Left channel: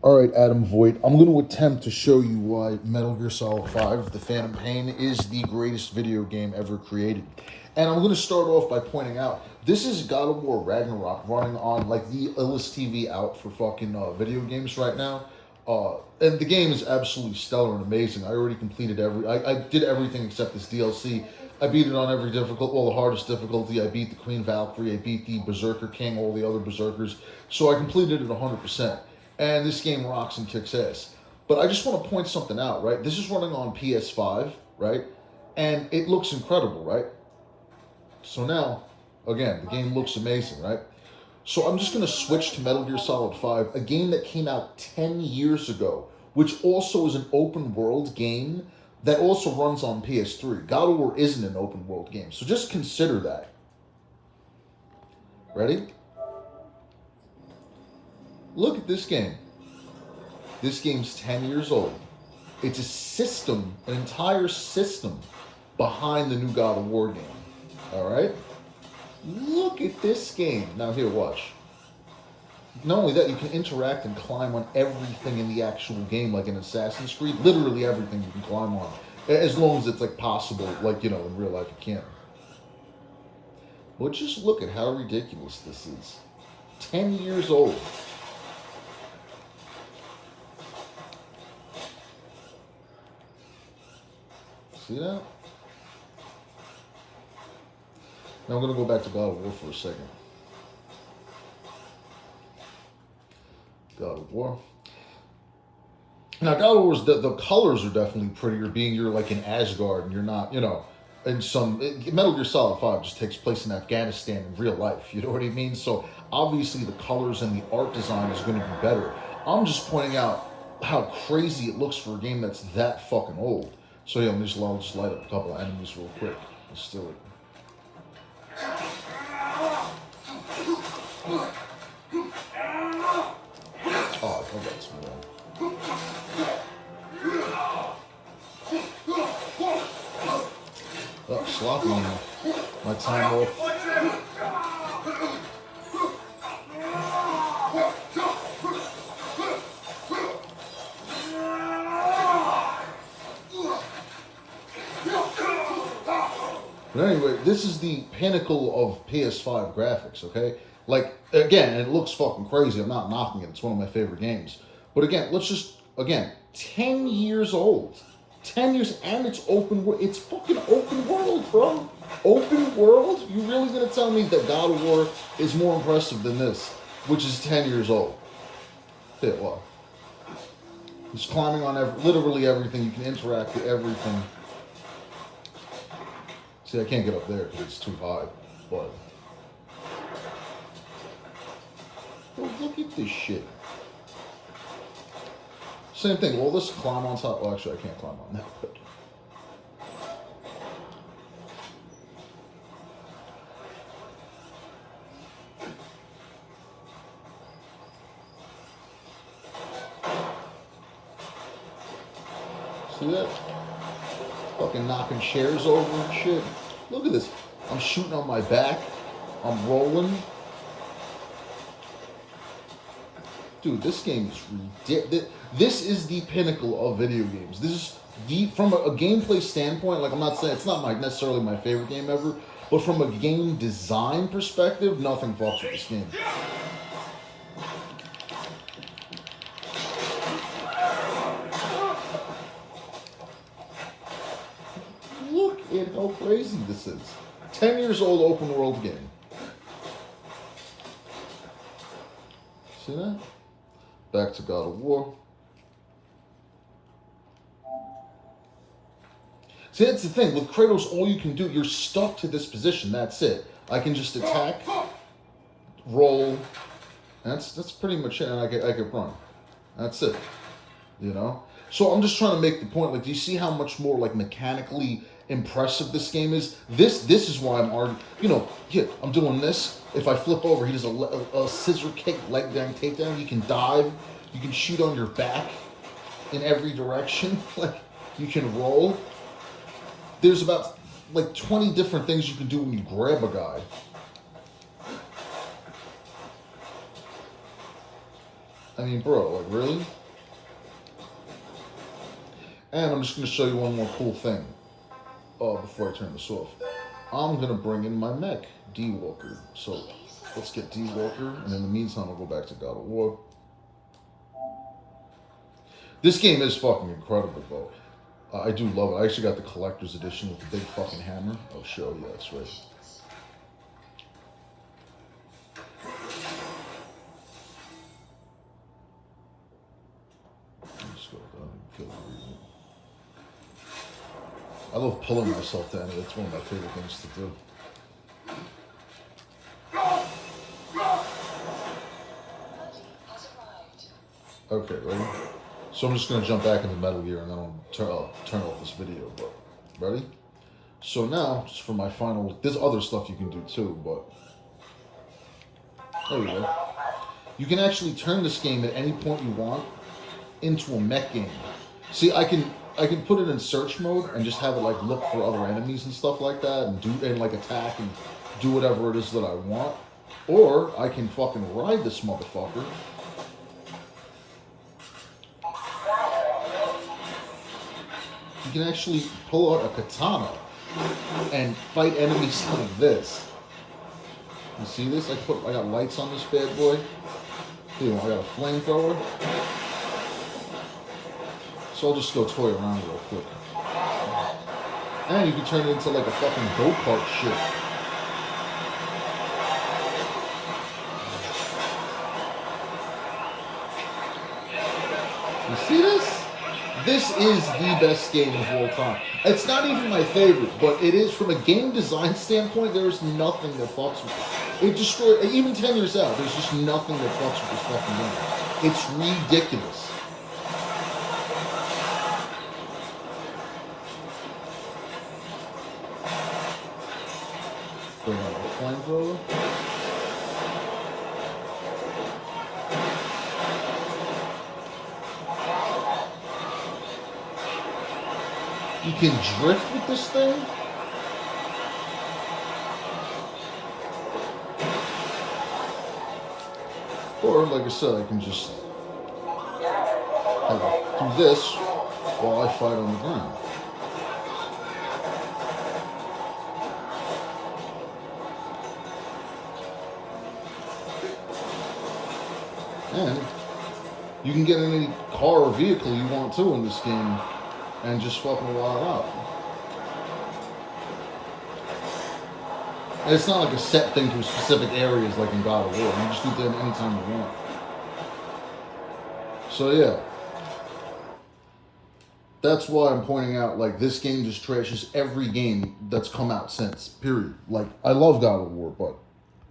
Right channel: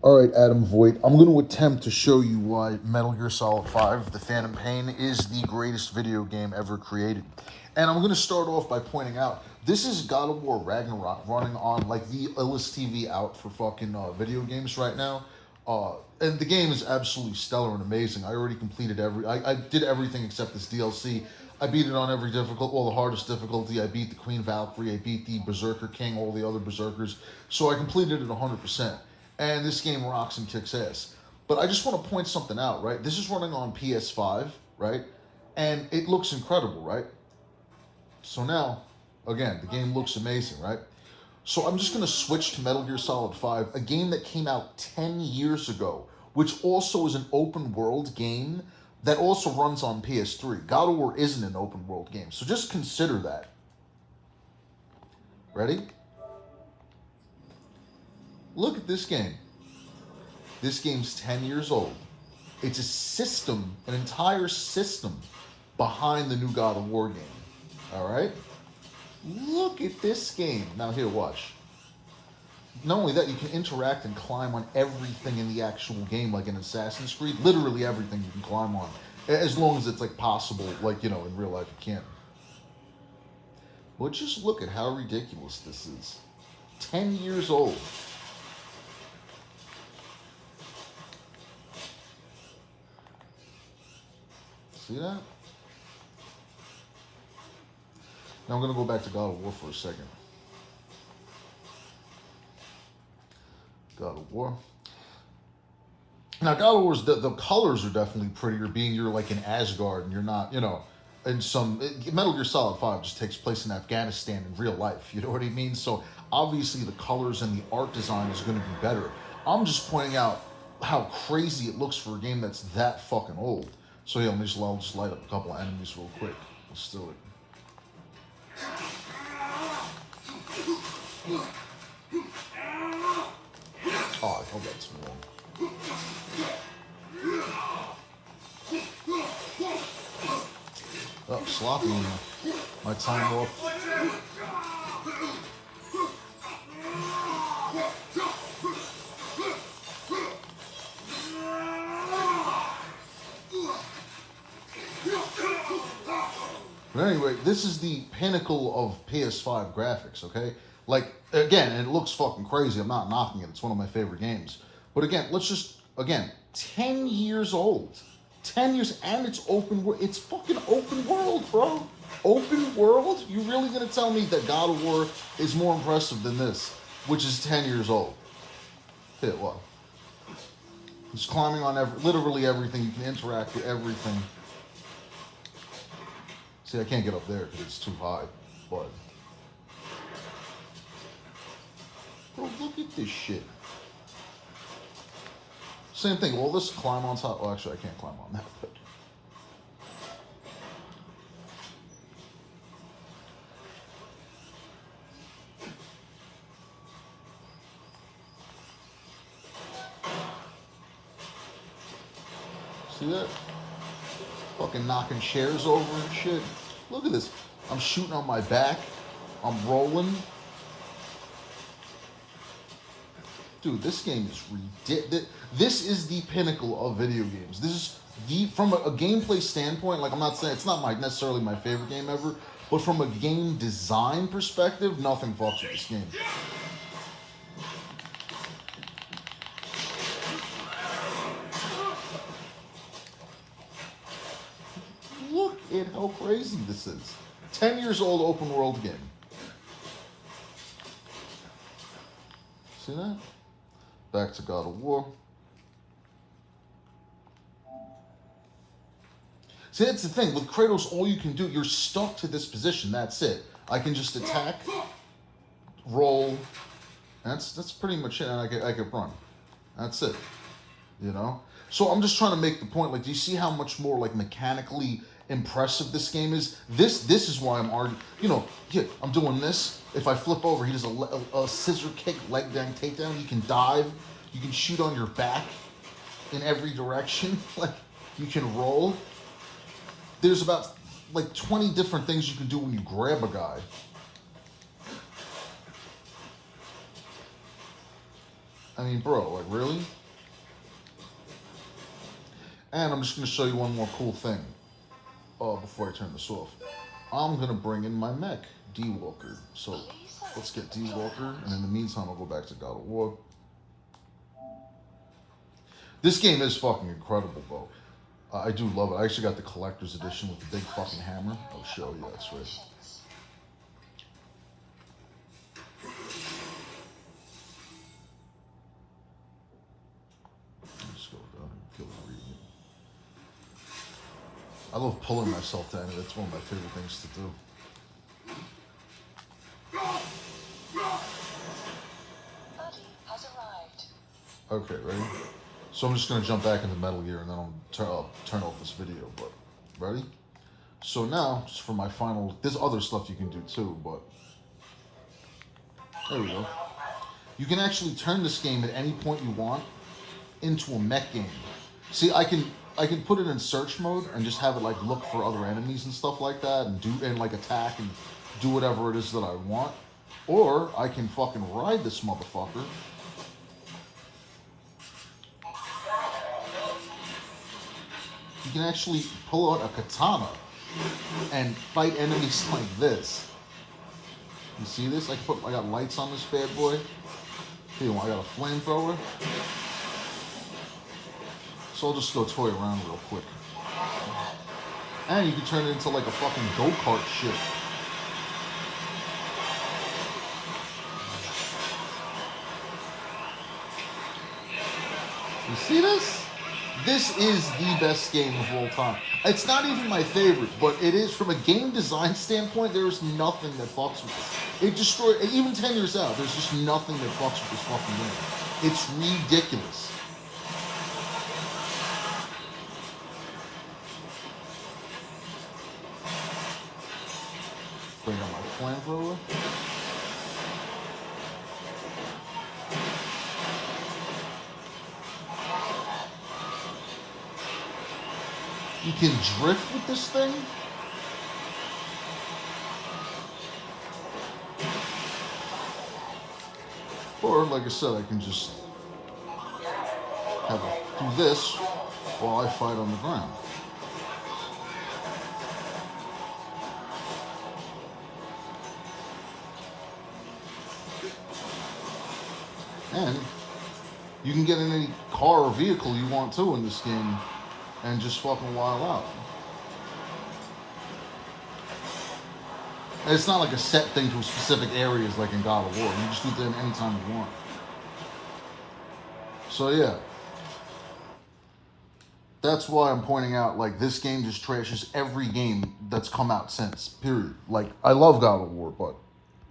All right, Adam Voigt, I'm going to attempt to show you why Metal Gear Solid 5, The Phantom Pain, is the greatest video game ever created. And I'm going to start off by pointing out, this is God of War Ragnarock running on, like, the illest TV out for fucking video games right now. And the game is absolutely stellar and amazing. I already completed I did everything except this DLC. I beat it on every the hardest difficulty. I beat the Queen Valkyrie. I beat the Berserker King, all the other Berserkers. So I completed it 100%. And this game rocks and kicks ass. But I just want to point something out, right? This is running on PS5, right? And it looks incredible, right? So now, again, the game looks amazing, right? So I'm just going to switch to Metal Gear Solid 5, a game that came out 10 years ago, which also is an open world game that also runs on PS3. God of War isn't an open world game, so just consider that. Ready? Look at this game. This game's 10 years old. It's a system, an entire system behind the new God of War game. All right? Look at this game. Now here, watch. Not only that, you can interact and climb on everything in the actual game, like in Assassin's Creed. Literally everything you can climb on. As long as it's like possible, like, you know, in real life you can't. But just look at how ridiculous this is. 10 years old. See that? Now I'm going to go back to God of War for a second. God of War. Now, God of War's, the colors are definitely prettier, being you're like in Asgard and you're not, you know, in Metal Gear Solid 5 just takes place in Afghanistan in real life, you know what I mean? So, obviously the colors and the art design is going to be better. I'm just pointing out how crazy it looks for a game that's that fucking old. So yeah, I'll just light up a couple of enemies real quick. Let's do it. Oh, I got some more. Oh, sloppy. My time off. But anyway, this is the pinnacle of PS5 graphics, okay? Like, again, it looks fucking crazy. I'm not knocking it. It's one of my favorite games. But again, 10 years old. 10 years, and it's open world. It's fucking open world, bro. Open world? You really gonna tell me that God of War is more impressive than this, which is 10 years old? Yeah, well. He's climbing on literally everything. You can interact with everything. See, I can't get up there because it's too high. But look at this shit. Same thing. All this climb on top. Well, actually, I can't climb on that. But see that? Fucking knocking chairs over and shit. Look at this. I'm shooting on my back. I'm rolling. Dude, this game is ridiculous. This is the pinnacle of video games. This is from a gameplay standpoint, like I'm not saying, it's not necessarily my favorite game ever, but from a game design perspective, nothing fucks with this game. Look at how crazy this is. 10 years old open world game. See that? Back to God of War. See, that's the thing. With Kratos, all you can do, you're stuck to this position. That's it. I can just attack, roll. That's pretty much it. I could run. That's it. You know? So I'm just trying to make the point. Like, do you see how much more, like, mechanically impressive this game is? This is why I'm arguing. You know, here, I'm doing this. If I flip over, he does a scissor kick, leg bang, takedown. You can dive. You can shoot on your back in every direction. Like, you can roll. There's about, like, 20 different things you can do when you grab a guy. I mean, bro, like, really? And I'm just going to show you one more cool thing before I turn this off. I'm going to bring in my mech, D-Walker. So let's get D-Walker, and in the meantime, I'll go back to God of War. This game is fucking incredible, bro. I do love it. I actually got the collector's edition with the big fucking hammer. I'll show you, that's right. I love pulling myself down. It's one of my favorite things to do. Okay, ready? So I'm just going to jump back into Metal Gear and then I'll turn off this video. But ready? So now, just for my final, there's other stuff you can do too, but there you go. You can actually turn this game at any point you want into a mech game. See, I can put it in search mode and just have it like look for other enemies and stuff like that and like attack and do whatever it is that I want. Or I can fucking ride this motherfucker. You can actually pull out a katana and fight enemies like this. You see this? I got lights on this bad boy. Here, I got a flamethrower. So I'll just go toy around real quick. And you can turn it into like a fucking go-kart shit. You see this? This is the best game of all time. It's not even my favorite, but it is from a game design standpoint. There's nothing that fucks with it. It destroyed, even 10 years out, there's just nothing that fucks with this fucking game. It's ridiculous. Bring out the flamethrower. You can drift with this thing. Or, like I said, I can just do this while I fight on the ground. And you can get in any car or vehicle you want to in this game and just fucking wild out. And it's not like a set thing to specific areas like in God of War. You just do them anytime you want. So yeah. That's why I'm pointing out, like, this game just trashes every game that's come out since, period. Like, I love God of War, but